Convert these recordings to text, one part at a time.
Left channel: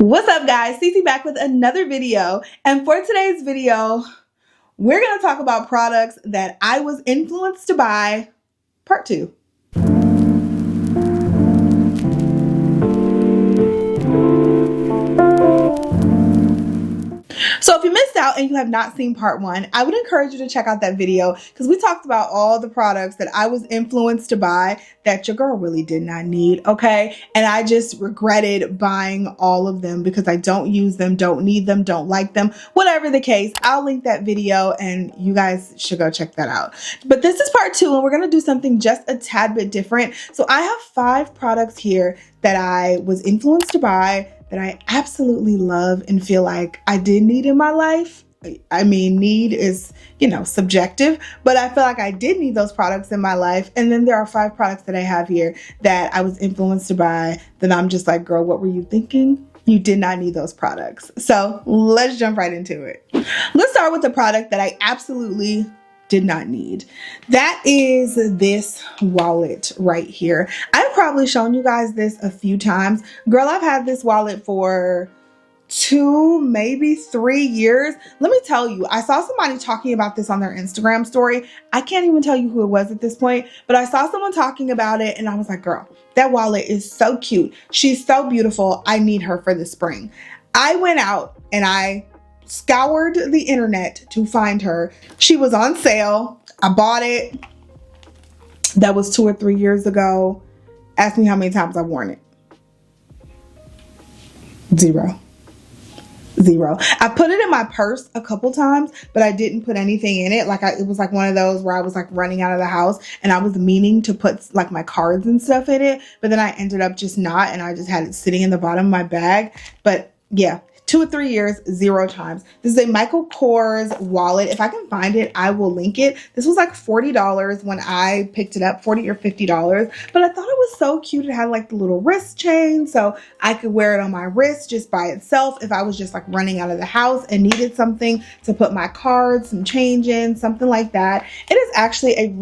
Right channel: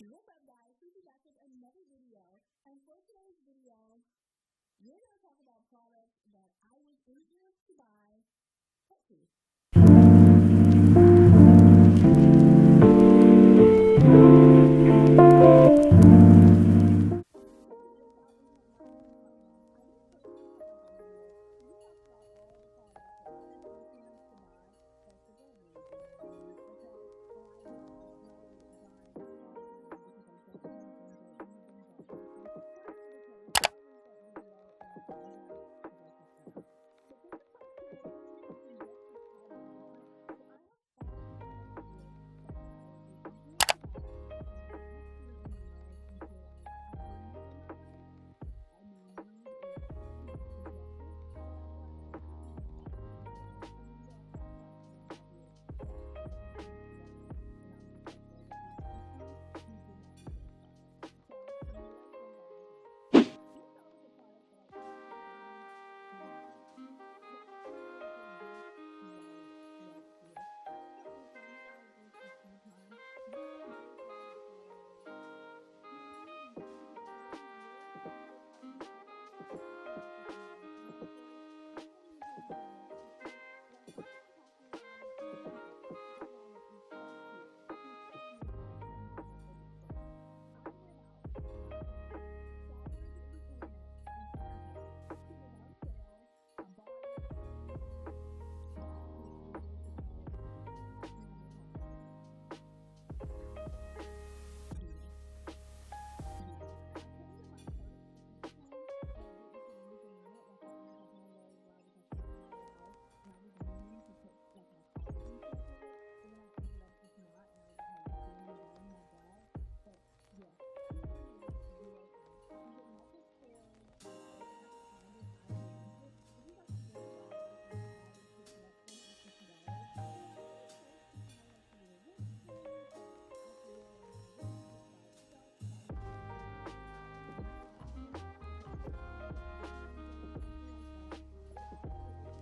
What's up guys, Cece back with another video, and for today's video we're going to talk about products that I was influenced to buy, part 2. So if you missed out and you have not seen part 1, I would encourage you to check out that video because we talked about all the products that I was influenced to buy that your girl really did not need, okay? And I just regretted buying all of them because I don't use them, don't need them, don't like them, whatever the case. I'll link that video and you guys should go check that out. But this is part 2 and we're gonna do something just a tad bit different. So I have 5 products here that I was influenced to buy that I absolutely love and feel like I did need in my life. I mean, need is, subjective, but I feel like I did need those products in my life. And then there are 5 products that I have here that I was influenced to buy that I'm just like, girl, what were you thinking? You did not need those products. So let's jump right into it. Let's start with the product that I absolutely did not need. That is this wallet right here. I've probably shown you guys this a few times. Girl, I've had this wallet for 2, maybe 3 years. Let me tell you, I saw somebody talking about this on their Instagram story. I can't even tell you who it was at this point, but I saw someone talking about it and I was like, girl, that wallet is so cute. She's so beautiful. I need her for the spring. I went out and I scoured the internet to find her. She was on sale. I bought it. That was 2 or 3 years ago. Ask me how many times I've worn it. Zero. I put it in my purse a couple times, but I didn't put anything in it. It was like one of those where I was like running out of the house and I was meaning to put like my cards and stuff in it, but then I ended up just not, and I just had it sitting in the bottom of my bag. But yeah, 2 or 3 years, 0 times. This is a Michael Kors wallet. If I can find it, I will link it. This was like $40 when I picked it up, $40 or $50. But I thought it was so cute. It had like the little wrist chain, so I could wear it on my wrist just by itself if I was just like running out of the house and needed something to put my cards, some change in, something like that. It is actually a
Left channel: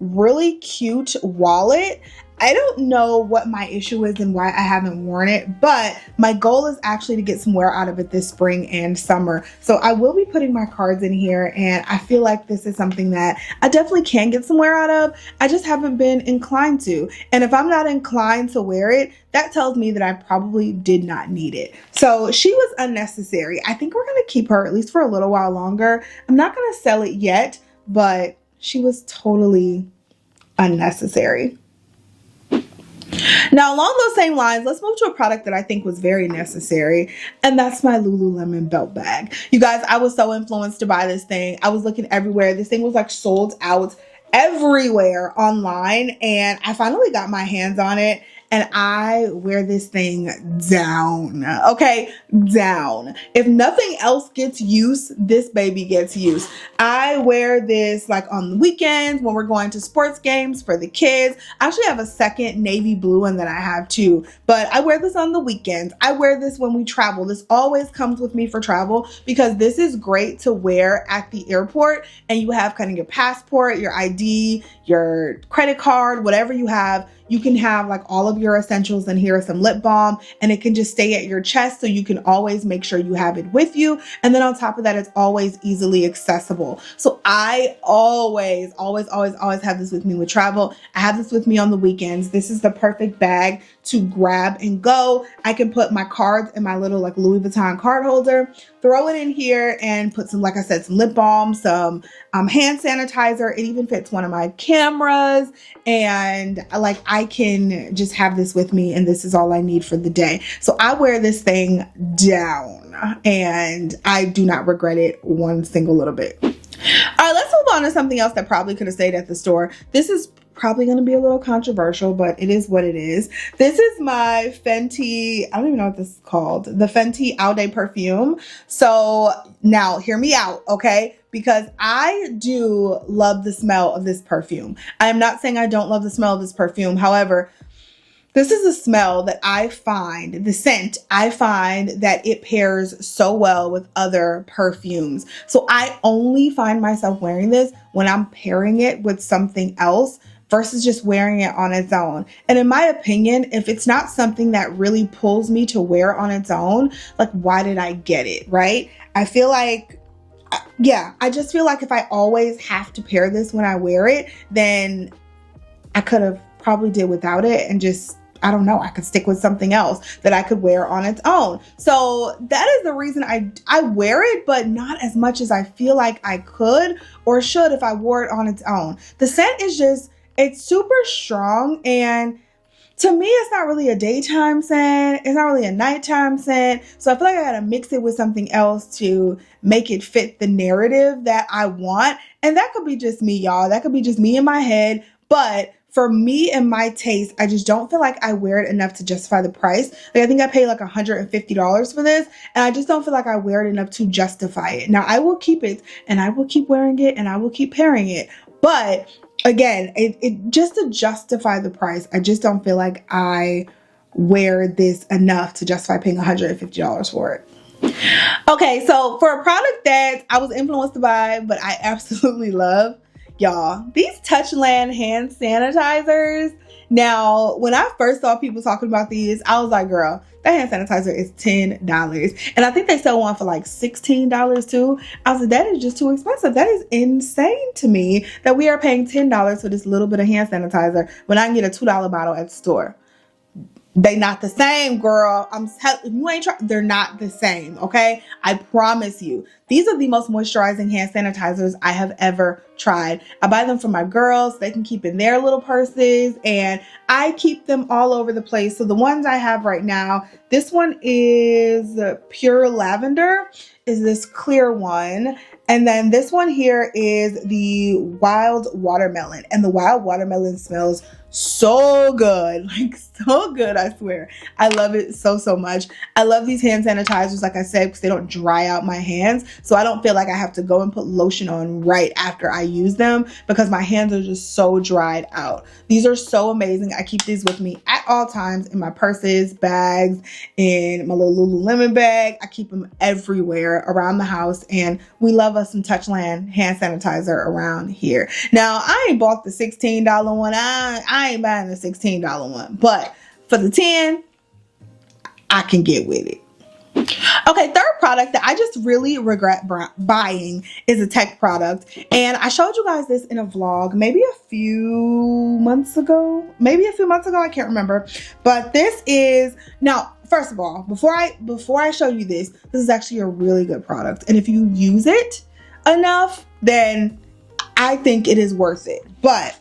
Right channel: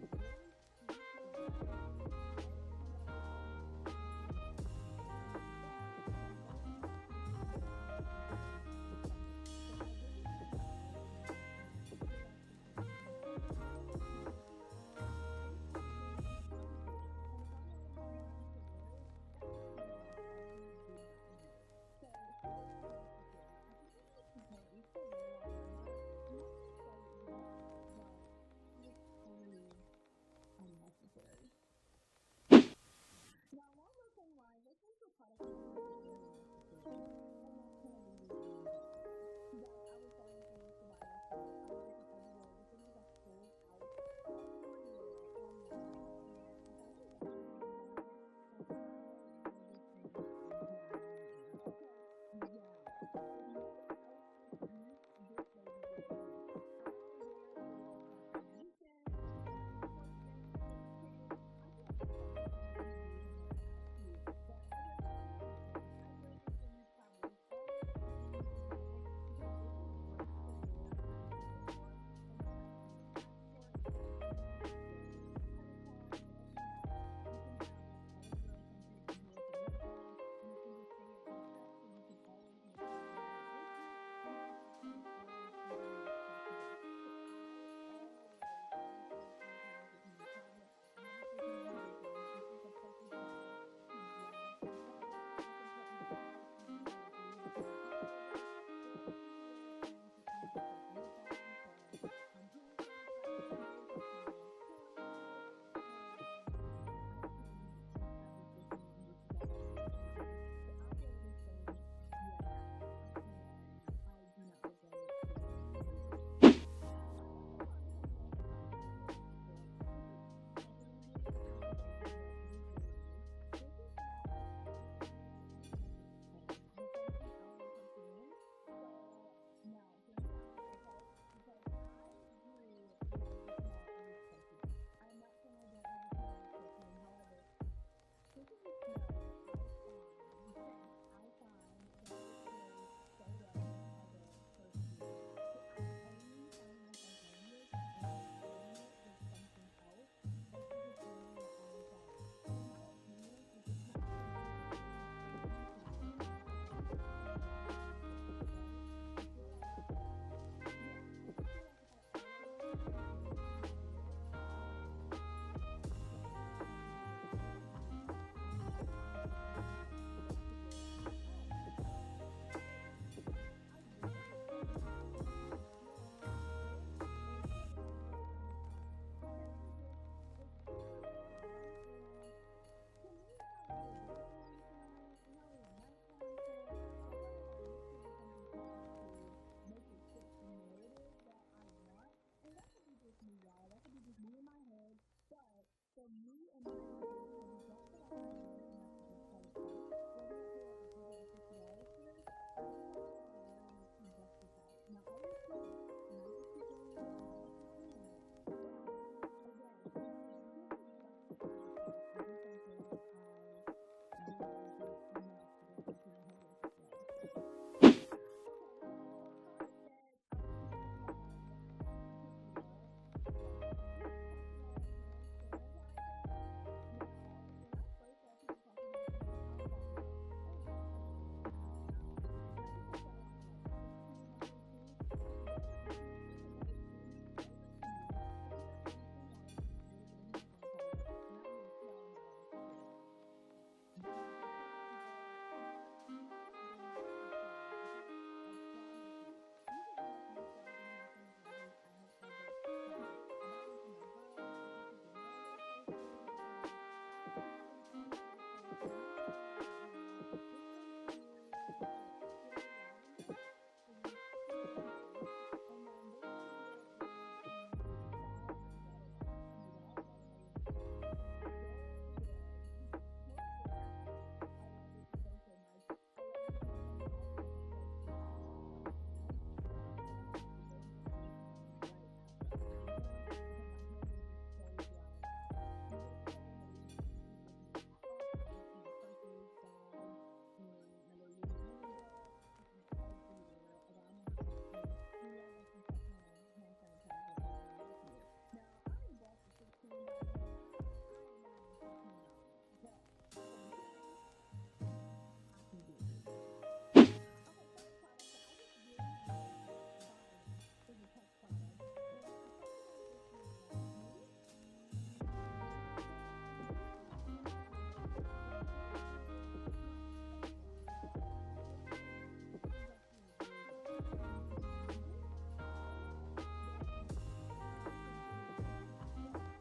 really cute wallet. I don't know what my issue is and why I haven't worn it, but my goal is actually to get some wear out of it this spring and summer. So I will be putting my cards in here, and I feel like this is something that I definitely can get some wear out of. I just haven't been inclined to. And if I'm not inclined to wear it, that tells me that I probably did not need it. So she was unnecessary. I think we're gonna keep her at least for a little while longer. I'm not gonna sell it yet, but she was totally unnecessary. Now, along those same lines, let's move to a product that I think was very necessary, and that's my Lululemon belt bag. You guys, I was so influenced to buy this thing. I was looking everywhere. This thing was like sold out everywhere online, and I finally got my hands on it. And I wear this thing down, okay? Down. If nothing else gets use, this baby gets use. I wear this like on the weekends when we're going to sports games for the kids. I actually have a second navy blue one that I have too, but I wear this on the weekends. I wear this when we travel. This always comes with me for travel because this is great to wear at the airport, and you have kind of your passport, your ID, your credit card, whatever you have. You can have like all of your essentials, and here is some lip balm, and it can just stay at your chest so you can always make sure you have it with you. And then on top of that, it's always easily accessible. So I always have this with me with travel. I have this with me on the weekends. This is the perfect bag to grab and go. I can put my cards in my little like Louis Vuitton card holder, throw it in here, and put some, like I said, some lip balm, some hand sanitizer. It even fits one of my cameras, and like I can just have this with me, and this is all I need for the day. So I wear this thing down, and I do not regret it one single little bit. All right, let's move on to something else that probably could have stayed at the store. This is probably going to be a little controversial, but it is what it is. This is my Fenty, I don't even know what this is called, the Fenty All Day perfume. So now hear me out, okay? Because I do love the smell of this perfume. I am not saying I don't love the smell of this perfume. However, this is a smell that I find, the scent, I find that it pairs so well with other perfumes. So I only find myself wearing this when I'm pairing it with something else. versus just wearing it on its own. And in my opinion, if it's not something that really pulls me to wear on its own, like, why did I get it, right? I feel like, yeah, I just feel like if I always have to pair this when I wear it, then I could have probably did without it and just, I don't know, I could stick with something else that I could wear on its own. So that is the reason I wear it, but not as much as I feel like I could or should if I wore it on its own. The scent is just, it's super strong, and to me, it's not really a daytime scent. It's not really a nighttime scent. So I feel like I gotta mix it with something else to make it fit the narrative that I want. And that could be just me, y'all. That could be just me in my head. But for me and my taste, I just don't feel like I wear it enough to justify the price. Like, I think I paid like $150 for this, and I just don't feel like I wear it enough to justify it. Now, I will keep it, and I will keep wearing it, and I will keep pairing it. But again, it just to justify the price, I just don't feel like I wear this enough to justify paying $150 for it. Okay, so for a product that I was influenced by, but I absolutely love, y'all, these Touchland hand sanitizers. Now, when I first saw people talking about these, I was like, girl, that hand sanitizer is $10. And I think they sell one for like $16 too. I was like, that is just too expensive. That is insane to me that we are paying $10 for this little bit of hand sanitizer when I can get a $2 bottle at the store. They not the same, girl. You ain't trying. They're not the same, okay? I promise you. These are the most moisturizing hand sanitizers I have ever tried. I buy them for my girls. They can keep in their little purses, and I keep them all over the place. So the ones I have right now, this one is Pure Lavender, is this clear one. And then this one here is the Wild Watermelon. And the Wild Watermelon smells so good, like so good, I swear. I love it so, so much. I love these hand sanitizers, like I said, because they don't dry out my hands. So I don't feel like I have to go and put lotion on right after I use them because my hands are just so dried out. These are so amazing. I keep these with me at all times in my purses, bags, in my little Lululemon bag. I keep them everywhere around the house, and we love us some Touchland hand sanitizer around here. Now, I ain't bought the $16 one. I ain't buying the $16 one, but for the 10, I can get with it. Okay, third product that I just really regret buying is a tech product. And I showed you guys this in a vlog maybe a few months ago. I can't remember. But this is, now, first of all, before I show you this is actually a really good product. And if you use it enough, then I think it is worth it. But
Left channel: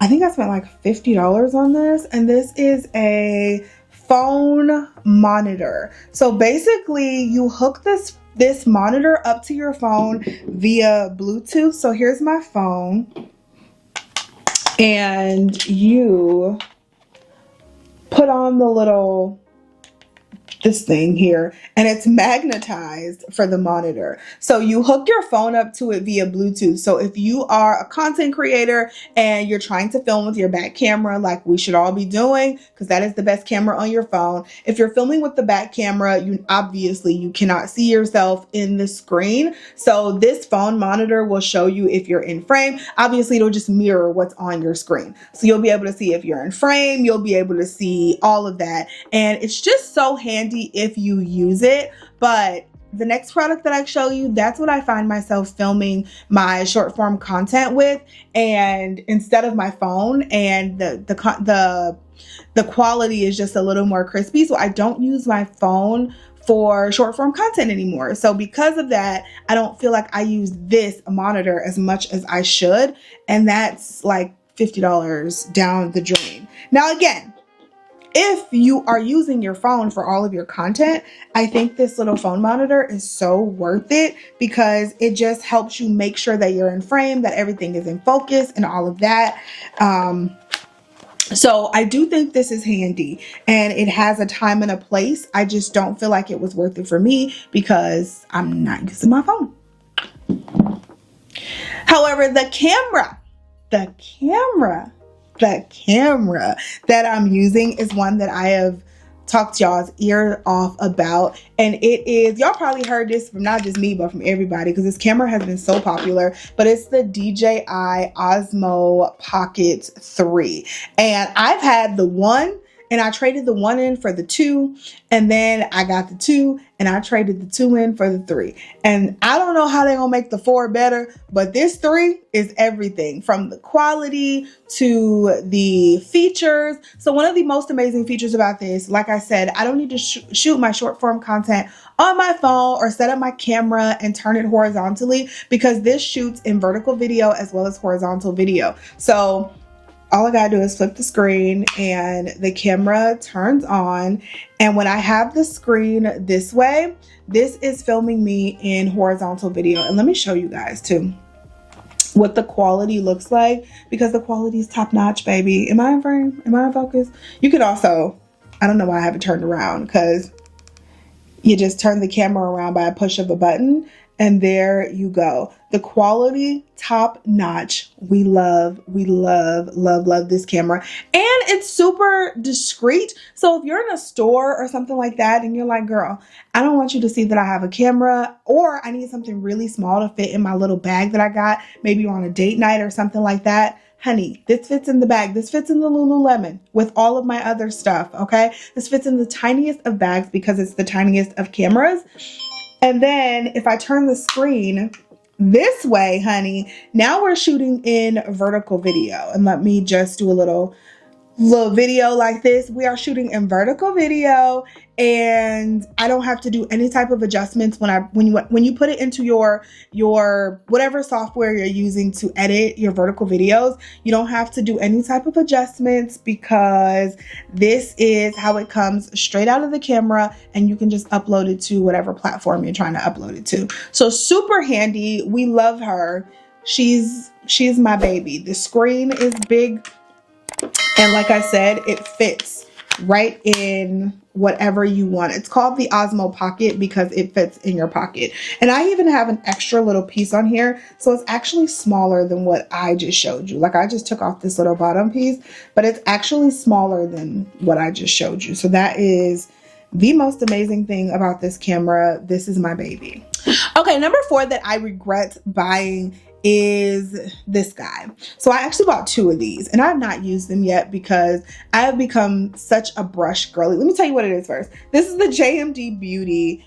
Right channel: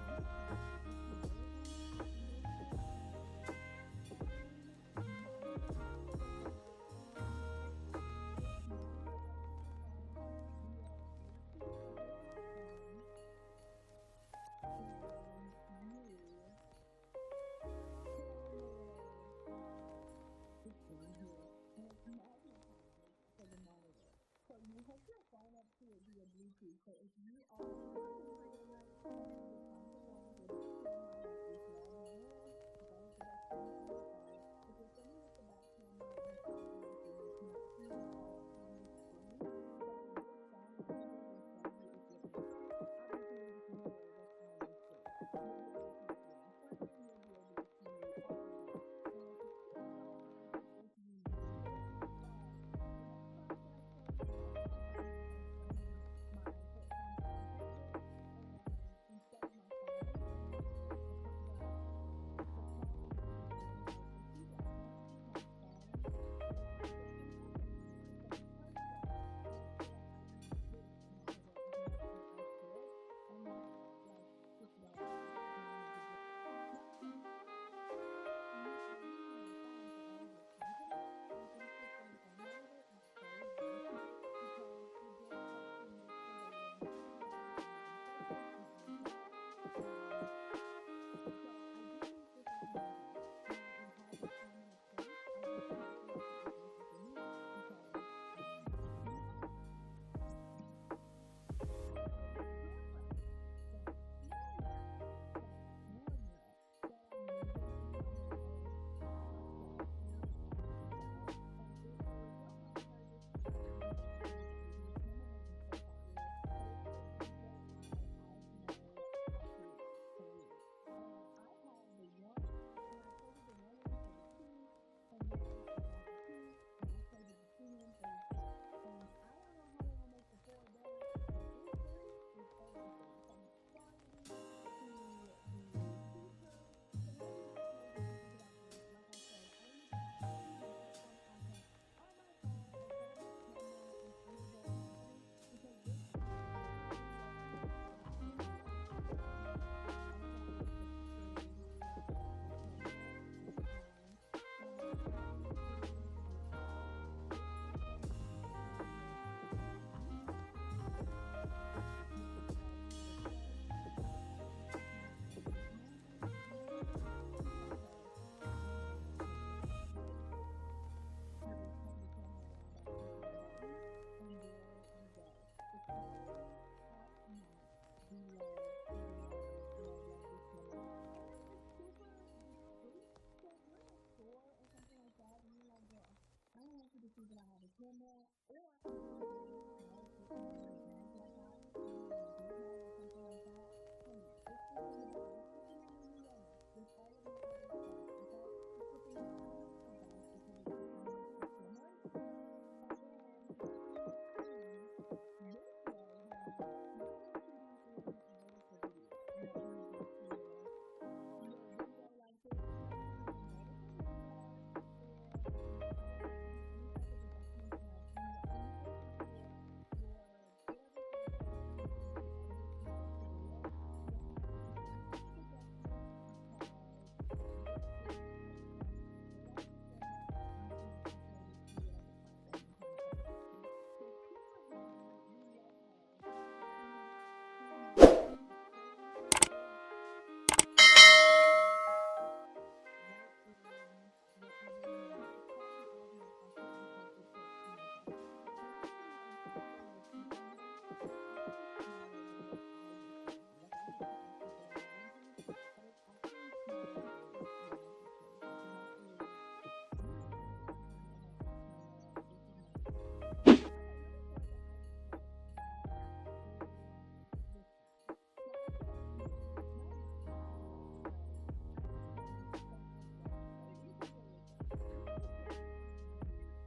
I think I spent like $50 on this, and this is a phone monitor. So basically you hook this monitor up to your phone via Bluetooth. So here's my phone, and you put on this thing here, and it's magnetized for the monitor. So you hook your phone up to it via Bluetooth. So if you are a content creator and you're trying to film with your back camera, like we should all be doing, because that is the best camera on your phone. If you're filming with the back camera, you cannot see yourself in the screen. So this phone monitor will show you if you're in frame. Obviously, it'll just mirror what's on your screen. So you'll be able to see if you're in frame, you'll be able to see all of that. And it's just so handy if you use it. But the next product that I show you, that's what I find myself filming my short form content with, and instead of my phone, and the quality is just a little more crispy. So I don't use my phone for short form content anymore. So because of that, I don't feel like I use this monitor as much as I should, and that's like $50 down the drain. Now again, if you are using your phone for all of your content, I think this little phone monitor is so worth it, because it just helps you make sure that you're in frame, that everything is in focus and all of that. So I do think this is handy, and it has a time and a place. I just don't feel like it was worth it for me because I'm not using my phone. However, the camera that I'm using is one that I have talk y'all's ear off about. And it is, y'all probably heard this from not just me, but from everybody, because this camera has been so popular, but it's the DJI Osmo Pocket 3. And I've had the 1, and I traded the 1 in for the 2, and then I got the 2 and I traded the 2 in for the 3. And I don't know how they're gonna make the 4 better, but this 3 is everything, from the quality to the features. So one of the most amazing features about this, like I said, I don't need to shoot my short form content on my phone or set up my camera and turn it horizontally, because this shoots in vertical video as well as horizontal video. So all I gotta do is flip the screen and the camera turns on. And when I have the screen this way, this is filming me in horizontal video. And let me show you guys too what the quality looks like, because the quality is top notch, baby. Am I in frame? Am I in focus? You could also, I don't know why I have it turned around, because you just turn the camera around by a push of a button, and there you go. The quality, top notch. We love this camera. And it's super discreet. So if you're in a store or something like that and you're like, girl, I don't want you to see that I have a camera, or I need something really small to fit in my little bag that I got, maybe on a date night or something like that. Honey, this fits in the bag. This fits in the Lululemon with all of my other stuff, okay? This fits in the tiniest of bags because it's the tiniest of cameras. And then if I turn the screen this way, honey, now we're shooting in vertical video. And let me just do a little video like this. We are shooting in vertical video, and I don't have to do any type of adjustments when you put it into your whatever software you're using to edit your vertical videos. You don't have to do any type of adjustments, because this is how it comes straight out of the camera, and you can just upload it to whatever platform you're trying to upload it to. So super handy. We love her. She's my baby. The screen is big, and like I said, it fits right in whatever you want. It's called the Osmo Pocket because it fits in your pocket. And I even have an extra little piece on here, so it's actually smaller than what I just showed you. Like, I just took off this little bottom piece, but it's actually smaller than what I just showed you. So that is the most amazing thing about this camera. This is my baby. Okay, number 4 that I regret buying is this guy. So I actually bought 2 of these, and I have not used them yet because I have become such a brush girly. Let me tell you what it is first. This is the JMD Beauty.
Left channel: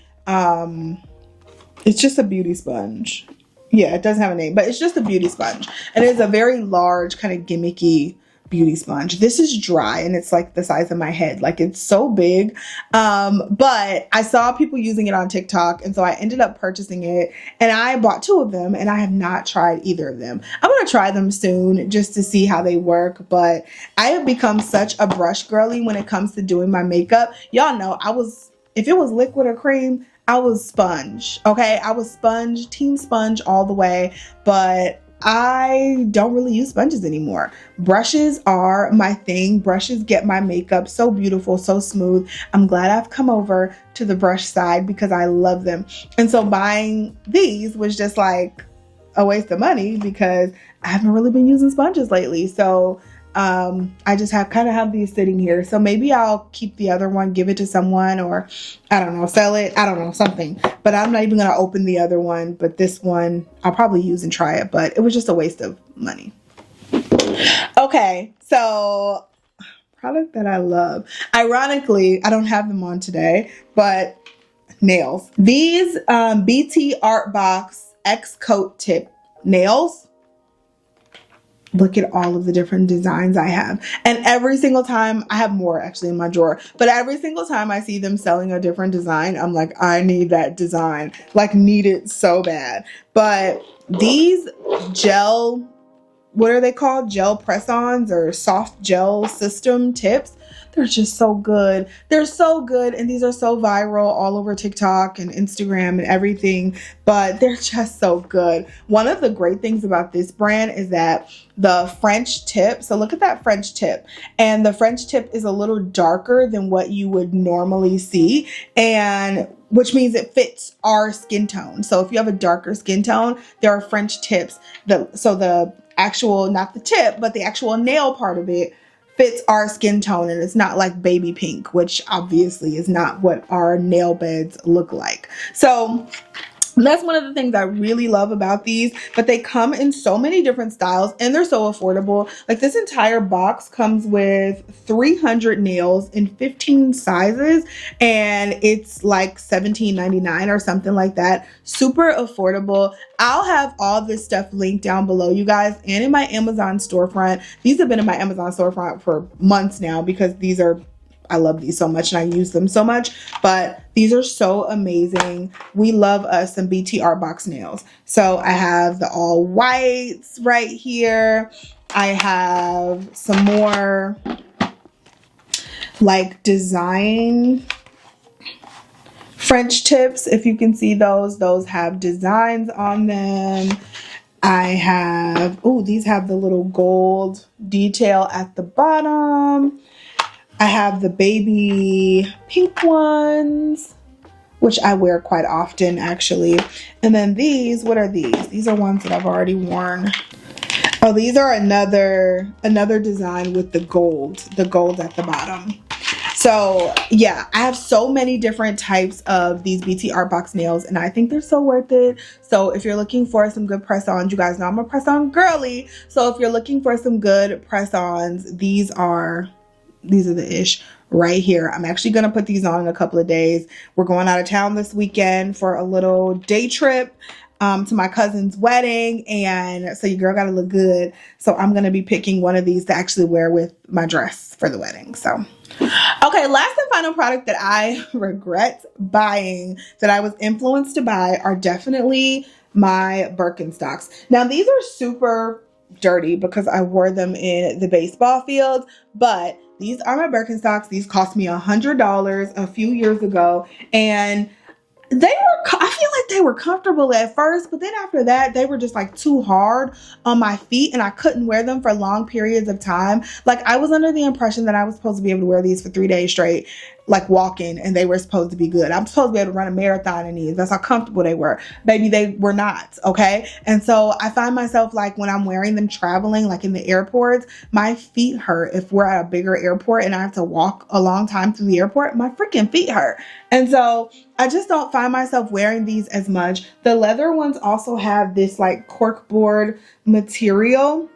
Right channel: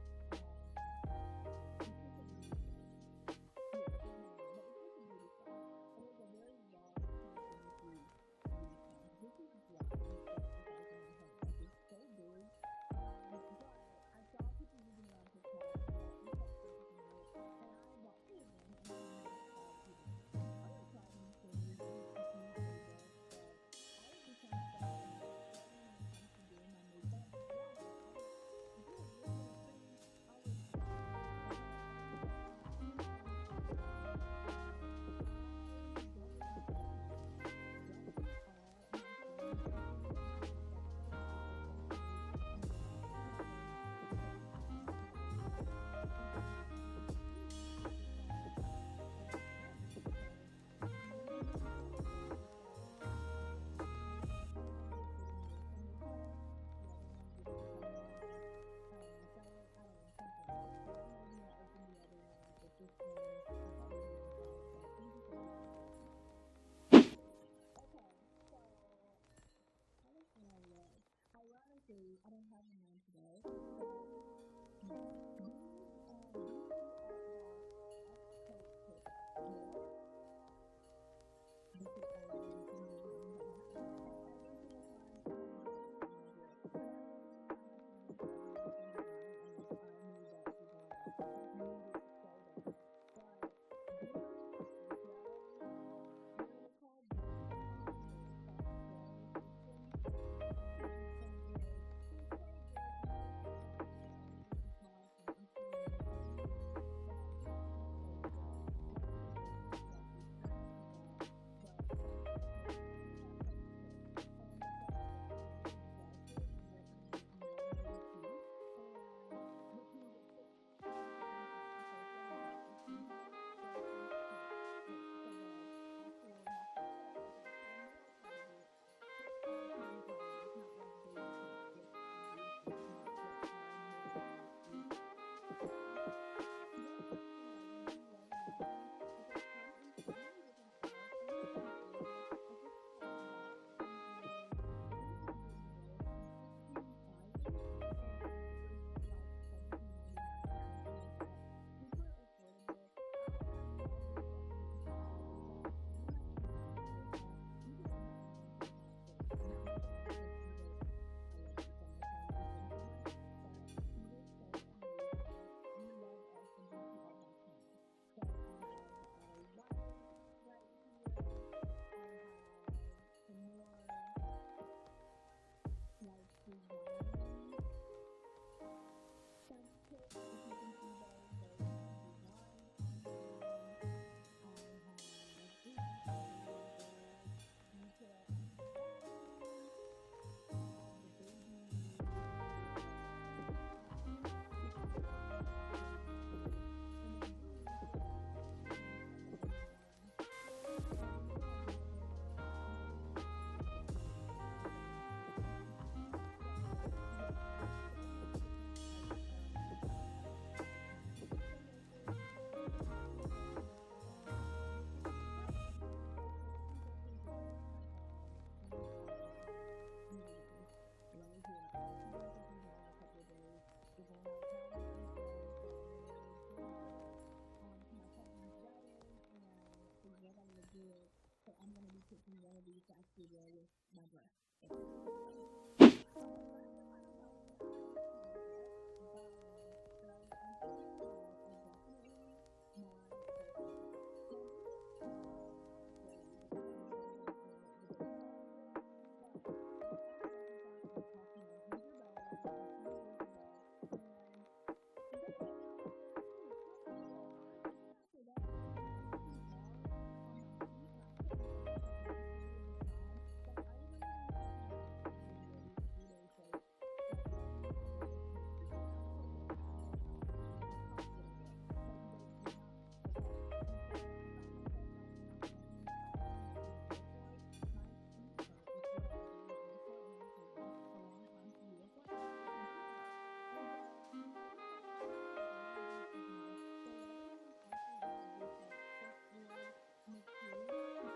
It's just a beauty sponge. Yeah, it doesn't have a name, but it's just a beauty sponge. And it's a very large, kind of gimmicky beauty sponge. This is dry, and it's like the size of my head. Like, it's so big. But I saw people using it on TikTok, and so I ended up purchasing it, and I bought 2 of them, and I have not tried either of them. I'm gonna try them soon just to see how they work, but I have become such a brush girly when it comes to doing my makeup. Y'all know if it was liquid or cream, I was sponge, okay? I was sponge, team sponge all the way, but I don't really use sponges anymore. Brushes are my thing. Brushes get my makeup so beautiful, so smooth. I'm glad I've come over to the brush side because I love them. And so buying these was just like a waste of money because I haven't really been using sponges lately. So I just have these sitting here. So maybe I'll keep the other one, give it to someone, or I don't know, sell it. I don't know, something. But I'm not even going to open the other one. But this one I'll probably use and try it. But it was just a waste of money. Okay, so product that I love. Ironically, I don't have them on today, but nails. These BTR Art Box X Coat Tip nails. Look at all of the different designs I have. And every single time, I have more actually in my drawer, but every single time I see them selling a different design, I'm like, I need that design. Like, need it so bad. But these gel, what are they called? Gel press-ons or soft gel system tips. They're just so good. They're so good. And these are so viral all over TikTok and Instagram and everything, but they're just so good. One of the great things about this brand is that the French tip, so look at that French tip, and the French tip is a little darker than what you would normally see, and which means it fits our skin tone. So if you have a darker skin tone, there are French tips. So the actual, not the tip, but the actual nail part of it fits our skin tone, and it's not like baby pink, which obviously is not what our nail beds look like. So that's one of the things I really love about these, but they come in so many different styles and they're so affordable. Like this entire box comes with 300 nails in 15 sizes, and it's like $17.99 or something like that. Super affordable. I'll have all this stuff linked down below, you guys, and in my Amazon storefront. These have been in my Amazon storefront for months now because I love these so much and I use them so much, but these are so amazing. We love us some BTR Art Box nails. So I have the all whites right here. I have some more like design French tips. If you can see those have designs on them. I have, oh, these have the little gold detail at the bottom. I have the baby pink ones, which I wear quite often actually. And then these, what are these? These are ones that I've already worn. Oh, these are another design with the gold at the bottom. So yeah, I have so many different types of these BT Art Box nails, and I think they're so worth it. So if you're looking for some good press-ons, you guys know I'm a press-on girly. So if you're looking for some good press-ons, these are the ish right here. I'm actually going to put these on in a couple of days. We're going out of town this weekend for a little day trip to my cousin's wedding, and so your girl got to look good. So I'm going to be picking one of these to actually wear with my dress for the wedding. So okay, last and final product that I regret buying, that I was influenced to buy, are definitely my Birkenstocks. Now these are super dirty because I wore them in the baseball field, but these are my Birkenstocks. These cost me $100 a few years ago, and I feel like they were comfortable at first, but then after that, they were just like too hard on my feet, and I couldn't wear them for long periods of time. Like I was under the impression that I was supposed to be able to wear these for 3 days straight, like walking, and they were supposed to be good. I'm supposed to be able to run a marathon in these. That's how comfortable they were. Baby, they were not, okay? And so I find myself like when I'm wearing them traveling, like in the airports, my feet hurt. If we're at a bigger airport and I have to walk a long time through the airport, my freaking feet hurt. And so I just don't find myself wearing these as much. The leather ones also have this like corkboard material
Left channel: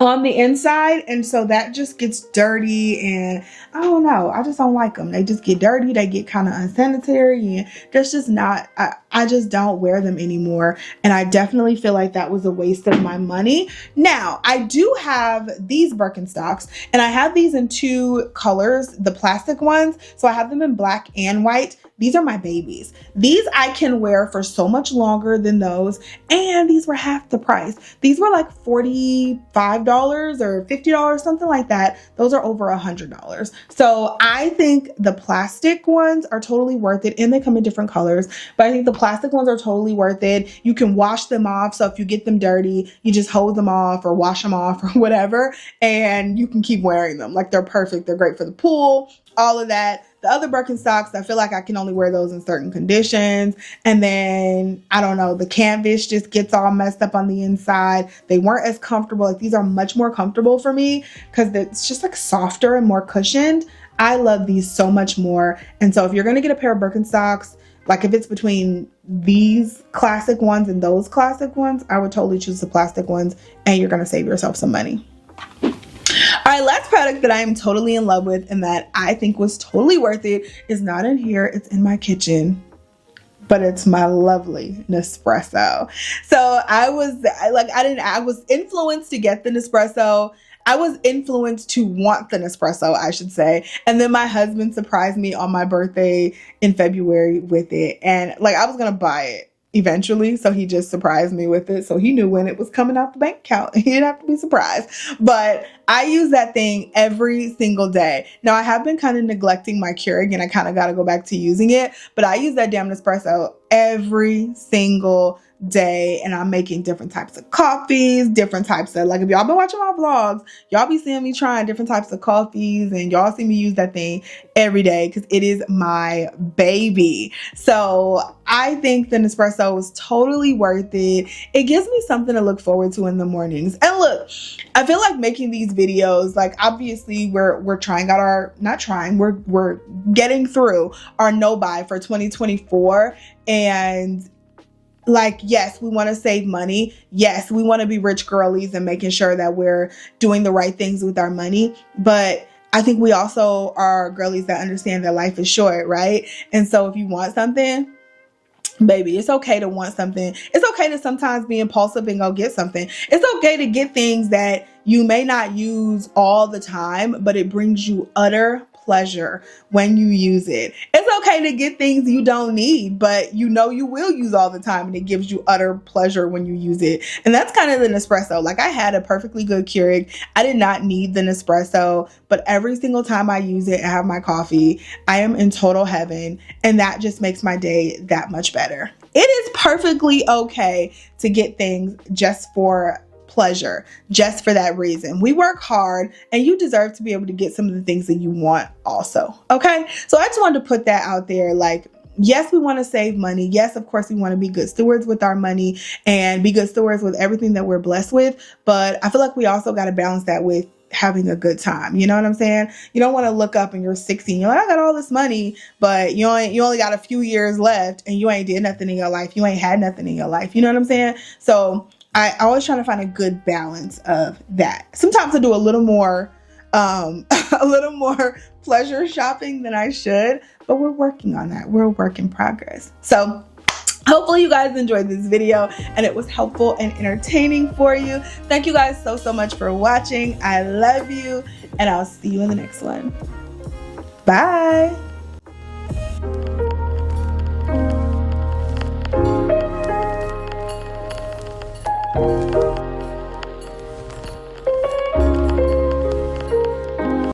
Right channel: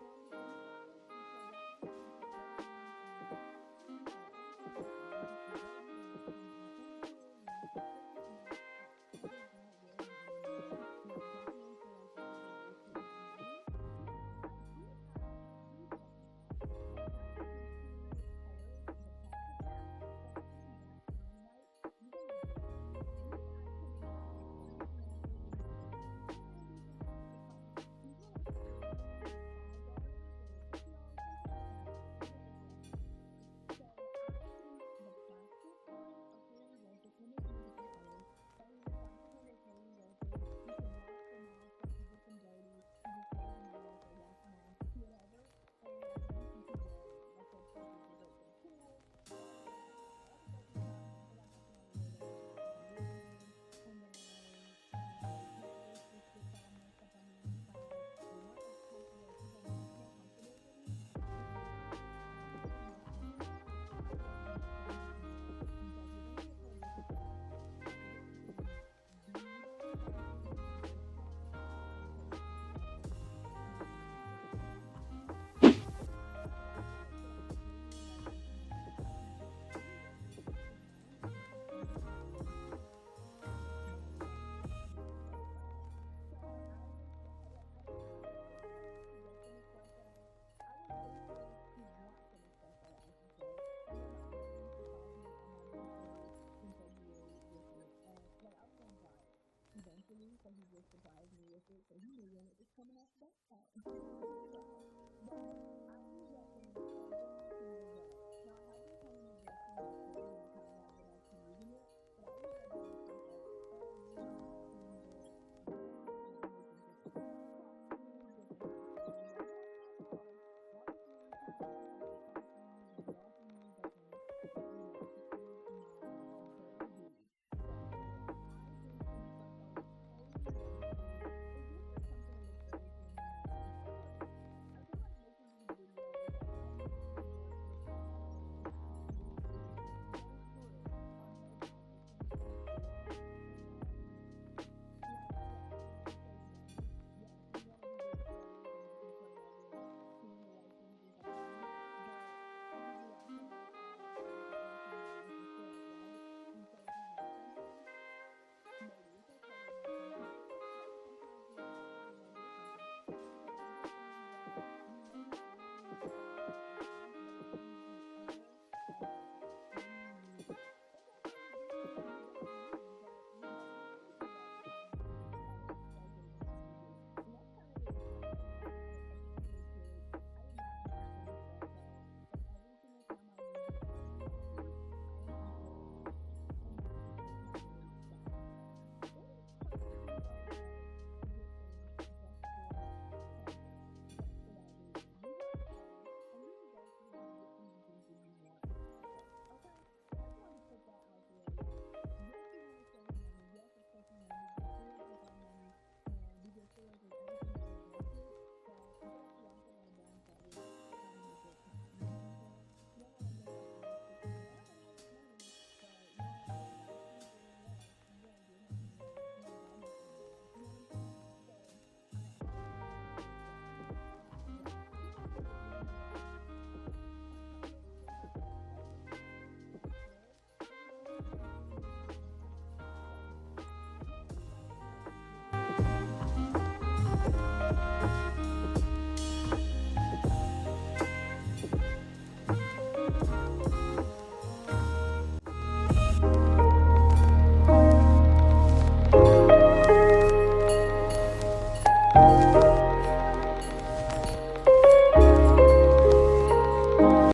on the inside, and so that just gets dirty, and I don't know, I just don't like them. They just get dirty, they get kind of unsanitary, and that's just not, I just don't wear them anymore, and I definitely feel like that was a waste of my money. Now I do have these Birkenstocks, and I have these in 2 colors, the plastic ones, so I have them in black and white. These are my babies. These I can wear for so much longer than those, and these were half the price. These were like $45 or $50, something like that. Those are over $100. So I think the plastic ones are totally worth it, and they come in different colors, but I think the plastic ones are totally worth it. You can wash them off, so if you get them dirty, you just hose them off or wash them off or whatever, and you can keep wearing them. Like they're perfect. They're great for the pool, all of that. The other Birkenstocks, I feel like I can only wear those in certain conditions. And then, I don't know, the canvas just gets all messed up on the inside. They weren't as comfortable. Like these are much more comfortable for me because it's just like softer and more cushioned. I love these so much more. And so if you're going to get a pair of Birkenstocks, like if it's between these classic ones and those classic ones, I would totally choose the plastic ones, and you're going to save yourself some money. All right, last product that I am totally in love with and that I think was totally worth it is not in here. It's in my kitchen, but it's my lovely Nespresso. So I was influenced to get the Nespresso. I was influenced to want the Nespresso, I should say. And then my husband surprised me on my birthday in February with it. And like, I was going to buy it eventually, so he just surprised me with it, so he knew when it was coming out the bank account. He didn't have to be surprised. But I use that thing every single day. Now I have been kind of neglecting my Keurig, and I kind of got to go back to using it, but I use that damn Nespresso every single day, and I'm making different types of coffees, different types of, like, if y'all been watching my vlogs, y'all be seeing me trying different types of coffees, and y'all see me use that thing every day because it is my baby. So I think the Nespresso is totally worth it. It gives me something to look forward to in the mornings. And look, I feel like making these videos, like, obviously we're trying out our, not trying, we're getting through our no buy for 2024, and like, yes, we want to save money. Yes, we want to be rich girlies and making sure that we're doing the right things with our money. But I think we also are girlies that understand that life is short, right? And so if you want something, baby, it's okay to want something. It's okay to sometimes be impulsive and go get something. It's okay to get things that you may not use all the time, but it brings you utter pleasure when you use it. It's okay to get things you don't need, but you know you will use all the time, and it gives you utter pleasure when you use it. And that's kind of the Nespresso. Like, I had a perfectly good Keurig. I did not need the Nespresso, but every single time I use it and have my coffee, I am in total heaven, and that just makes my day that much better. It is perfectly okay to get things just for pleasure, just for that reason. We work hard, and you deserve to be able to get some of the things that you want also. Okay, so I just wanted to put that out there. Like, yes, we want to save money. Yes, of course, we want to be good stewards with our money and be good stewards with everything that we're blessed with. But I feel like we also got to balance that with having a good time. You know what I'm saying? You don't want to look up and you're 16, you're like, I got all this money, but you only got a few years left, and you ain't did nothing in your life. You ain't had nothing in your life. You know what I'm saying? So I always try to find a good balance of that. Sometimes I do a little more pleasure shopping than I should, but we're working on that. We're a work in progress. So hopefully you guys enjoyed this video and it was helpful and entertaining for you. Thank you guys so much for watching. I love you, and I'll see you in the next one. Bye.